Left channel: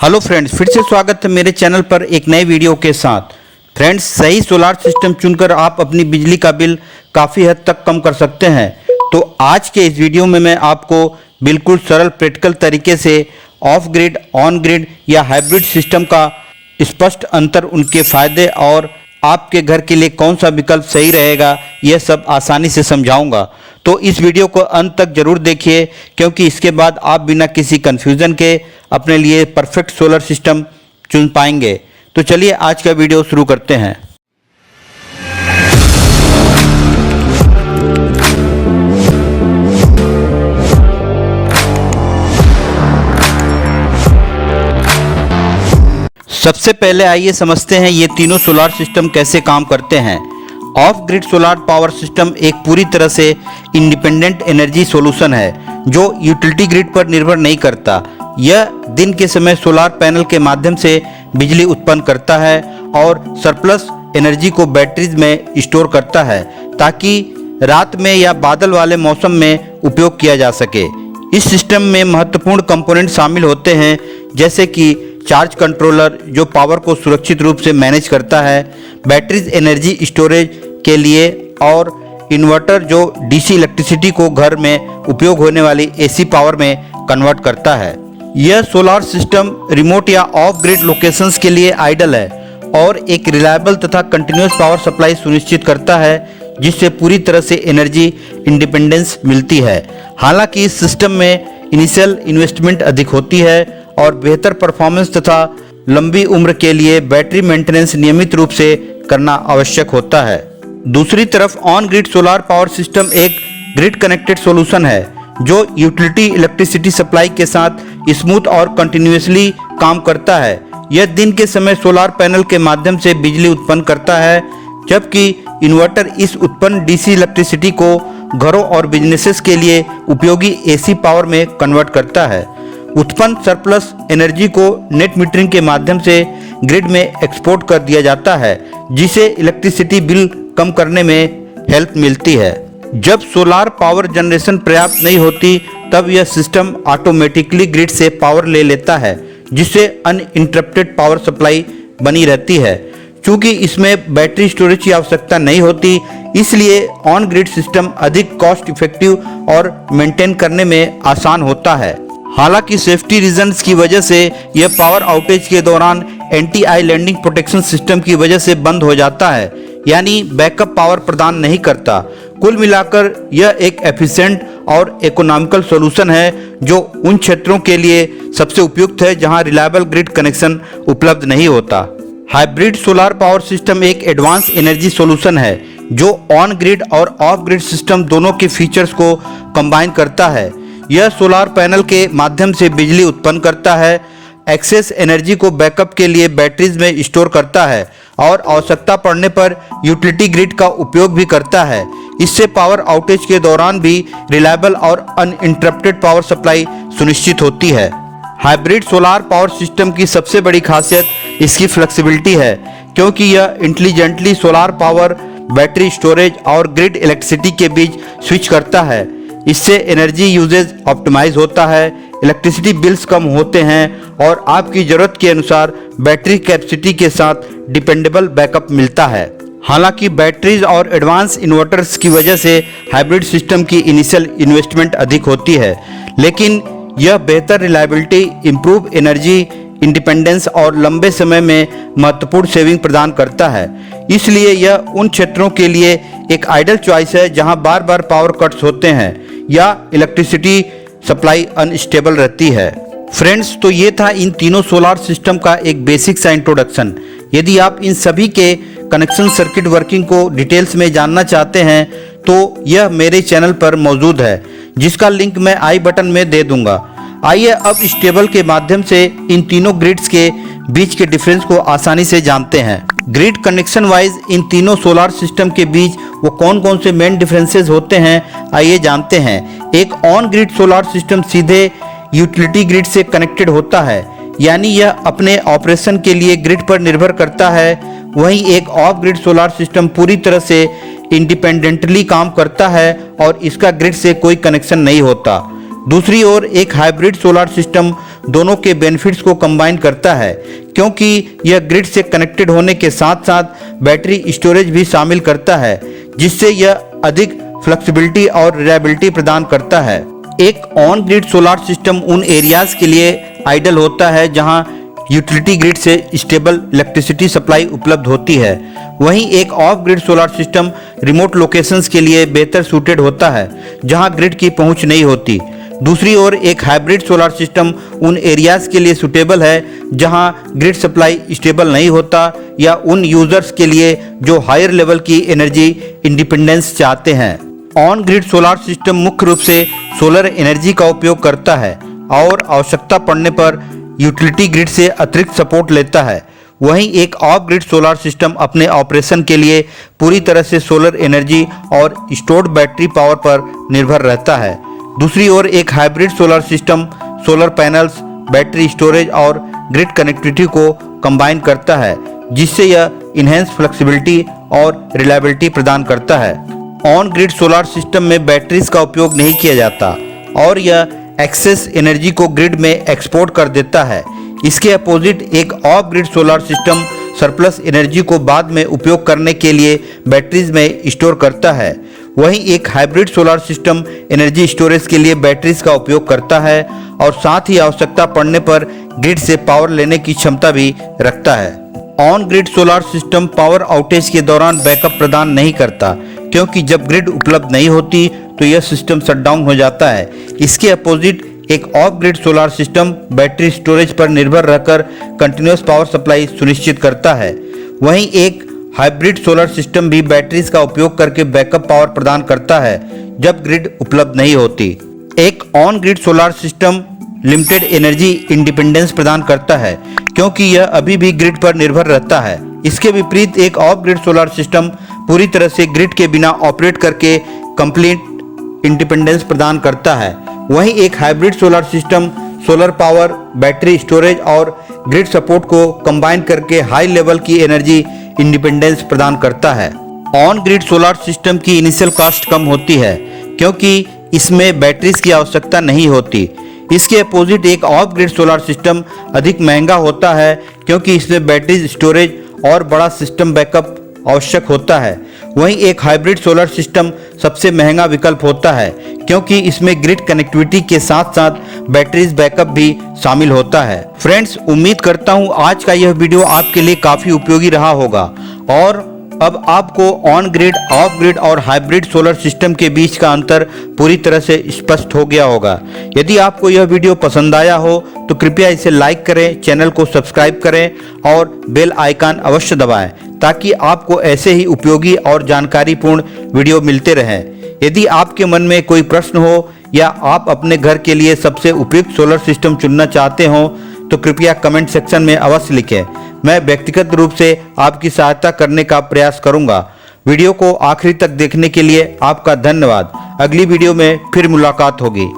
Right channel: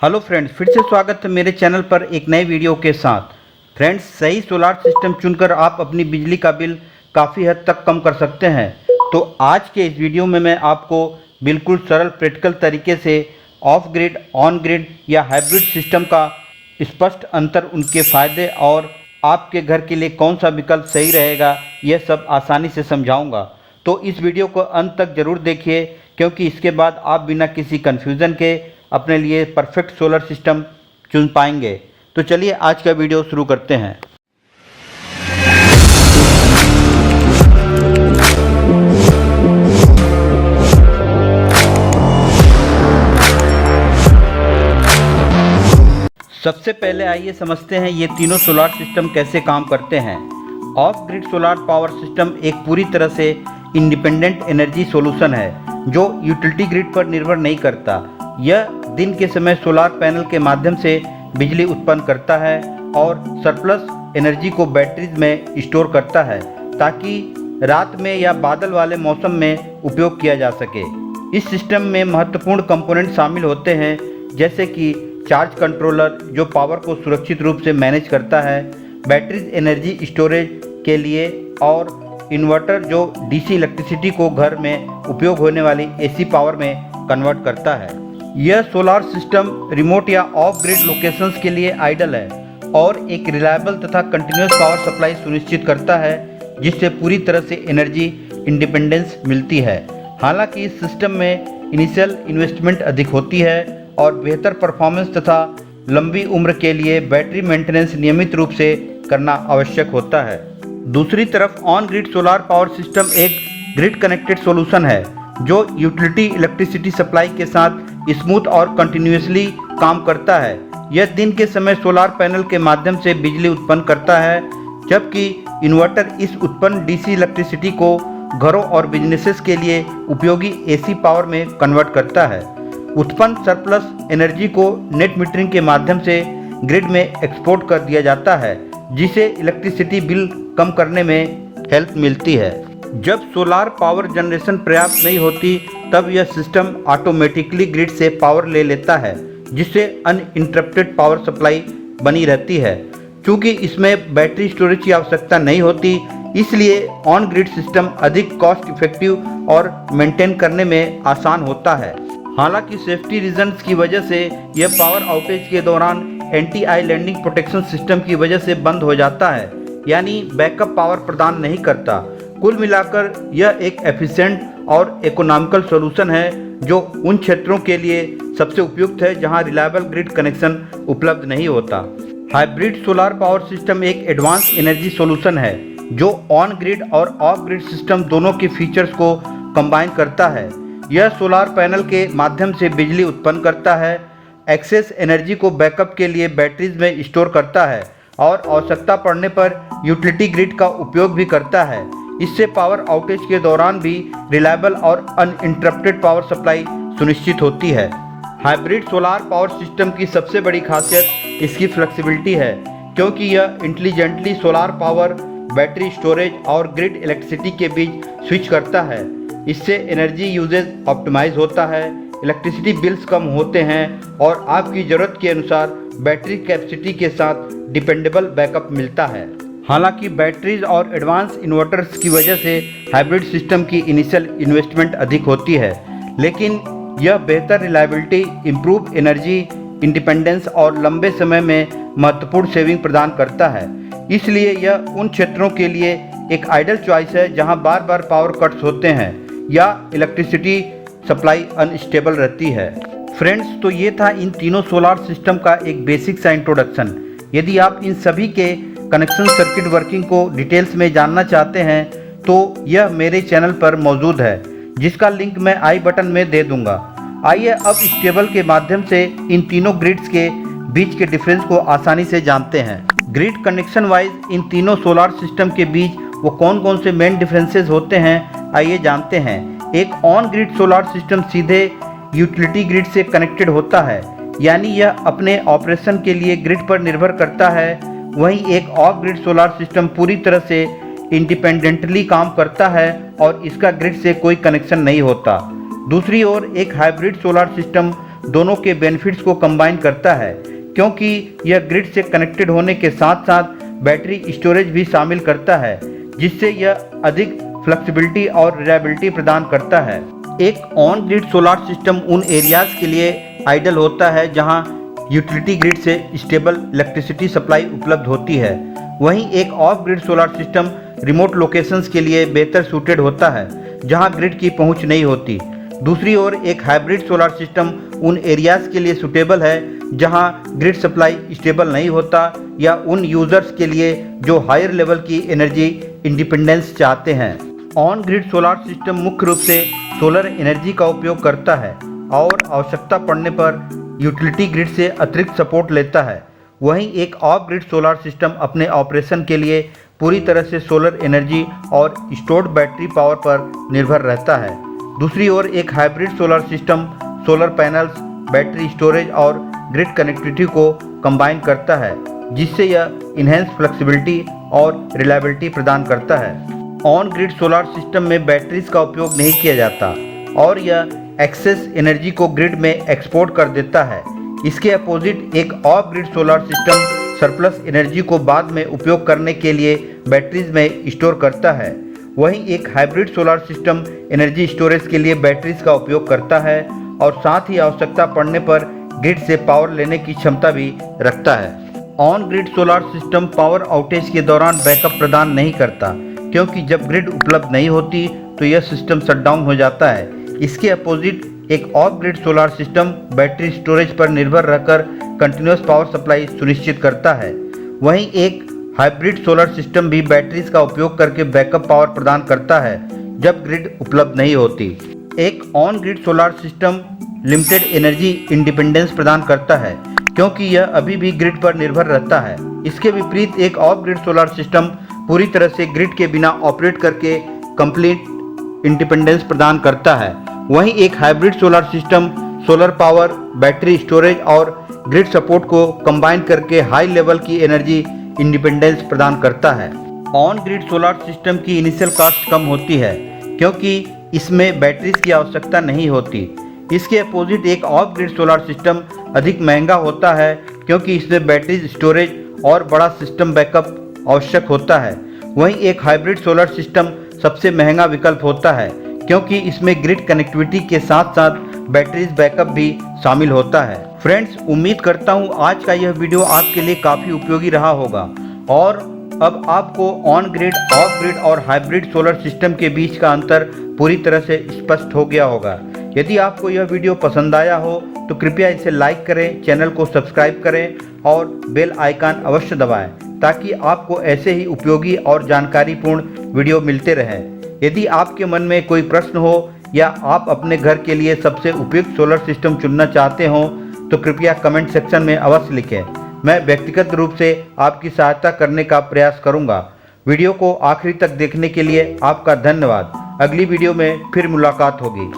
Hello friends, फिर से स्वागत है मेरे चैनल पर एक नए वीडियो के साथ। फ्रेंड्स, सही सोलार सिस्टम चुनकर आप अपनी बिजली का बिल काफ़ी हद तक कम कर सकते हैं। तो आज के इस वीडियो में मैं आपको बिल्कुल सरल प्रैक्टिकल तरीके से ऑफ ग्रिड, ऑन ग्रिड या हाइब्रिड सिस्टम का स्पष्ट अंतर, उनके फ़ायदे और आपके घर के लिए कौन सा विकल्प सही रहेगा, यह सब आसानी से समझाऊंगा। तो इस वीडियो को अंत तक जरूर देखिए, क्योंकि इसके बाद आप बिना किसी कन्फ्यूज़न के अपने लिए परफेक्ट सोलर सिस्टम चुन पाएंगे। तो चलिए आज का वीडियो शुरू करते हैं। सबसे पहले आइए समझते हैं ये तीनों सोलार सिस्टम कैसे काम करते हैं। Of grid solar power system एक पूरी तरह से इंडिपेंडेंट एनर्जी सॉल्यूशन है जो यूटिलिटी ग्रिड पर निर्भर नहीं करता। यह दिन के समय सोलार पैनल के माध्यम से बिजली उत्पन्न करता है और सरप्लस एनर्जी को बैटरीज में स्टोर करता है ताकि रात में या बादल वाले मौसम में उपयोग किया जा सके। इस सिस्टम में महत्वपूर्ण कंपोनेंट शामिल होते हैं, जैसे कि चार्ज कंट्रोलर जो पावर को सुरक्षित रूप से मैनेज करता है, बैटरीज एनर्जी स्टोरेज के लिए, और इन्वर्टर जो डीसी इलेक्ट्रिसिटी को घर में उपयोग होने वाली एसी पावर में कन्वर्ट करता है। यह सोलार सिस्टम रिमोट या ऑफ ग्रिड लोकेशंस के लिए आइडियल है और एक रिलायबल तथा कंटिन्यूस पावर सप्लाई सुनिश्चित करता है, जिससे पूरी तरह से एनर्जी इंडिपेंडेंस मिलती है। हालांकि इस सिस्टम में इनिशियल इन्वेस्टमेंट अधिक होती है और बेहतर परफॉर्मेंस तथा लंबी उम्र के लिए बैटरी मेंटेनेंस नियमित रूप से करना आवश्यक होता है। दूसरी तरफ on grid solar power system एक ग्रिड कनेक्टेड सॉल्यूशन है जो यूटिलिटी इलेक्ट्रिसिटी सप्लाई के साथ स्मूथ और कंटिन्यूअसली काम करता है। यह दिन के समय सोलार पैनल के माध्यम से बिजली उत्पन्न करता है, जबकि इन्वर्टर इस उत्पन्न डीसी इलेक्ट्रिसिटी को घरों और बिजनेसेस के लिए उपयोगी एसी पावर में कन्वर्ट करता है। उत्पन्न सरप्लस एनर्जी को नेट मीटरिंग के माध्यम से ग्रिड में एक्सपोर्ट कर दिया जाता है, जिसे इलेक्ट्रिसिटी बिल कम करने में हेल्प मिलती है। जब सोलार पावर जनरेशन पर्याप्त नहीं होती, तब यह सिस्टम ऑटोमेटिकली ग्रिड से पावर ले लेता है, जिससे अनइंटरप्टेड पावर सप्लाई बनी रहती है। चूँकि इसमें बैटरी स्टोरेज की आवश्यकता नहीं होती, इसलिए ऑन ग्रिड सिस्टम अधिक कॉस्ट इफेक्टिव और मेंटेन करने में आसान होता है। हालांकि सेफ्टी रीजंस की वजह से यह पावर आउटेज के दौरान एंटी आइलैंडिंग प्रोटेक्शन सिस्टम की वजह से बंद हो जाता है, यानी बैकअप पावर प्रदान नहीं करता। कुल मिलाकर यह एक एफिशिएंट और इकोनॉमिकल सॉल्यूशन है जो उन क्षेत्रों के लिए सबसे उपयुक्त है जहां रिलायबल ग्रिड कनेक्शन उपलब्ध नहीं होता। हाइब्रिड सोलार पावर सिस्टम एक एडवांस एनर्जी सॉल्यूशन है जो ऑन ग्रिड और ऑफ ग्रिड सिस्टम दोनों के फीचर्स को कंबाइन करता है। यह सोलार पैनल के माध्यम से बिजली उत्पन्न करता है, एक्सेस एनर्जी को बैकअप के लिए बैटरीज में स्टोर करता है और आवश्यकता पड़ने पर यूटिलिटी ग्रिड का उपयोग भी करता है। इससे पावर आउटेज के दौरान भी रिलायबल और अनइंटरप्टेड पावर सप्लाई सुनिश्चित होती है। हाइब्रिड सोलार पावर सिस्टम की सबसे बड़ी खासियत इसकी फ्लेक्सिबिलिटी है, क्योंकि यह intelligently solar power, battery storage और ग्रिड इलेक्ट्रिसिटी के बीच स्विच करता है। इससे एनर्जी यूजेज ऑप्टिमाइज होता है, इलेक्ट्रिसिटी बिल्स कम होते हैं और आपकी ज़रूरत के अनुसार बैटरी कैपेसिटी के साथ डिपेंडेबल बैकअप मिलता है। हालांकि बैटरीज और एडवांस इन्वर्टर्स की वजह से हाइब्रिड सिस्टम की इनिशियल इन्वेस्टमेंट अधिक होती है, लेकिन यह बेहतर रिलायबिलिटी, इम्प्रूव एनर्जी इंडिपेंडेंस और लंबे समय में महत्वपूर्ण सेविंग प्रदान करता है। इसलिए यह उन क्षेत्रों के लिए एक आइडियल चॉइस है जहां बार बार पावर कट्स होते हैं या इलेक्ट्रिसिटी सप्लाई अनस्टेबल रहती है। फ्रेंड्स, तो ये था इन तीनों सोलार सिस्टम का एक बेसिक सा इंट्रोडक्शन। यदि आप इन सभी के कनेक्शन सर्किट वर्किंग को डिटेल्स में जानना चाहते हैं तो यह मेरे चैनल पर मौजूद है, जिसका लिंक मैं आई बटन में दे दूंगा। आइए अब इस टेबल के माध्यम से इन तीनों ग्रिड्स के बीच के डिफरेंस को आसानी से जानते हैं। ग्रिड कनेक्शन वाइज इन तीनों सोलार सिस्टम के बीच वो कौन कौन से मेन डिफरेंसेस होते हैं, आइए जानते हैं। एक ऑन ग्रिड सोलार सिस्टम सीधे यूटिलिटी ग्रिड से कनेक्टेड होता है, यानी यह अपने ऑपरेशन के लिए ग्रिड पर निर्भर करता है। वहीं एक ऑफ ग्रिड सोलार सिस्टम पूरी तरह से इंडिपेंडेंटली काम करता है और इसका ग्रिड से कोई कनेक्शन नहीं होता। दूसरी ओर एक हाइब्रिड सोलर सिस्टम दोनों के बेनिफिट्स को कंबाइन करता है, क्योंकि यह ग्रिड से कनेक्टेड होने के साथ साथ बैटरी स्टोरेज भी शामिल करता है, जिससे यह अधिक फ्लेक्सिबिलिटी और रिलायबिलिटी प्रदान करता है। एक ऑन ग्रिड सोलार सिस्टम उन एरियाज के लिए आइडियल होता है जहां यूटिलिटी ग्रिड से स्टेबल इलेक्ट्रिसिटी सप्लाई उपलब्ध होती है। वहीं एक of grid solar system remote locations के लिए बेहतर सूटेड होता है जहां ग्रिड की पहुंच नहीं होती। दूसरी ओर एक हाइब्रिड सोलार सिस्टम उन एरियाज के लिए सूटेबल है जहां ग्रिड सप्लाई स्टेबल नहीं होता, या उन यूजर्स के लिए जो हायर लेवल की एनर्जी इंडिपेंडेंस चाहते हैं। ऑन ग्रिड सोलार सिस्टम मुख्य रूप से सोलर एनर्जी का उपयोग करता है और आवश्यकता पड़ने पर यूटिलिटी ग्रिड से अतिरिक्त सपोर्ट लेता है। वहीं एक ऑफ ग्रिड सोलर सिस्टम अपने ऑपरेशन के लिए पूरी तरह से सोलर एनर्जी और स्टोर्ड बैटरी पावर पर निर्भर रहता है। दूसरी ओर एक hybrid solar system solar panels, battery storage और ग्रिड कनेक्टिविटी को कंबाइन करता है, जिससे यह इनहेंस फ्लेक्सिबिलिटी और रिलायबिलिटी प्रदान करता है। ऑन ग्रिड सोलर सिस्टम में बैटरीज का उपयोग नहीं किया जाता और यह एक्सेस एनर्जी को ग्रिड में एक्सपोर्ट कर देता है। इसके अपोजिट एक of grid solar system surplus energy को बाद में उपयोग करने के लिए बैटरीज में स्टोर करता है। वहीं एक hybrid solar system energy storage के लिए बैटरीज का उपयोग करता है और साथ ही आवश्यकता पड़ने पर ग्रिड से पावर लेने की क्षमता भी रखता है। On grid solar system power outage के दौरान बैकअप प्रदान नहीं करता, क्योंकि जब ग्रिड उपलब्ध नहीं होती तो यह सिस्टम शटडाउन हो जाता है। इसके अपोजिट एक of grid solar system battery storage पर निर्भर रहकर कंटिन्यूअस पावर सप्लाई सुनिश्चित करता है। वहीं एक हाइब्रिड सोलर सिस्टम भी बैटरीज का उपयोग करके बैकअप पावर प्रदान करता है जब ग्रिड उपलब्ध नहीं होती। एक on grid solar system limited energy independence प्रदान करता है, क्योंकि यह अभी भी ग्रिड पर निर्भर रहता है। इसके विपरीत एक ऑफ ग्रिड सोलर सिस्टम पूरी तरह से ग्रिड के बिना ऑपरेट करके कंप्लीट इंडिपेंडेंस प्रदान करता है। वहीं एक hybrid solar system solar power, battery storage और ग्रिड सपोर्ट को कंबाइन करके हाई लेवल की एनर्जी इंडिपेंडेंस प्रदान करता है। ऑन ग्रिड सोलर सिस्टम की इनिशियल कॉस्ट कम होती है, क्योंकि इसमें बैटरीज की आवश्यकता नहीं होती। इसके अपोजिट एक ऑफ ग्रिड सोलर सिस्टम अधिक महंगा होता है, क्योंकि इसमें बैटरी स्टोरेज और बड़ा सिस्टम बैकअप आवश्यक होता है। वहीं एक हाइब्रिड सोलर सिस्टम सबसे महंगा विकल्प होता है, क्योंकि इसमें ग्रिड कनेक्टिविटी के साथ साथ बैटरीज बैकअप भी शामिल होता है। फ्रेंड्स, उम्मीद करता हूँ आज का यह वीडियो आपके लिए काफ़ी उपयोगी रहा होगा और अब आपको ऑन ग्रिड, ऑफ ग्रिड और हाइब्रिड सोलर सिस्टम के बीच का अंतर पूरी तरह से स्पष्ट हो गया होगा। यदि आपको यह वीडियो पसंद आया हो तो कृपया इसे लाइक करें, चैनल को सब्सक्राइब करें और बेल आइकन अवश्य दबाएं, ताकि आपको ऐसे ही उपयोगी और जानकारीपूर्ण वीडियो मिलते रहें। यदि आपके मन में कोई प्रश्न हो या आप अपने घर के लिए सबसे उपयुक्त सोलर सिस्टम चुनना चाहते हो तो कृपया कमेंट सेक्शन में अवश्य लिखें। मैं व्यक्तिगत रूप से आपकी सहायता करने का प्रयास करूंगा। वीडियो को आखिरी तक देखने के लिए आपका धन्यवाद। अगली वीडियो में फिर मुलाकात होगी।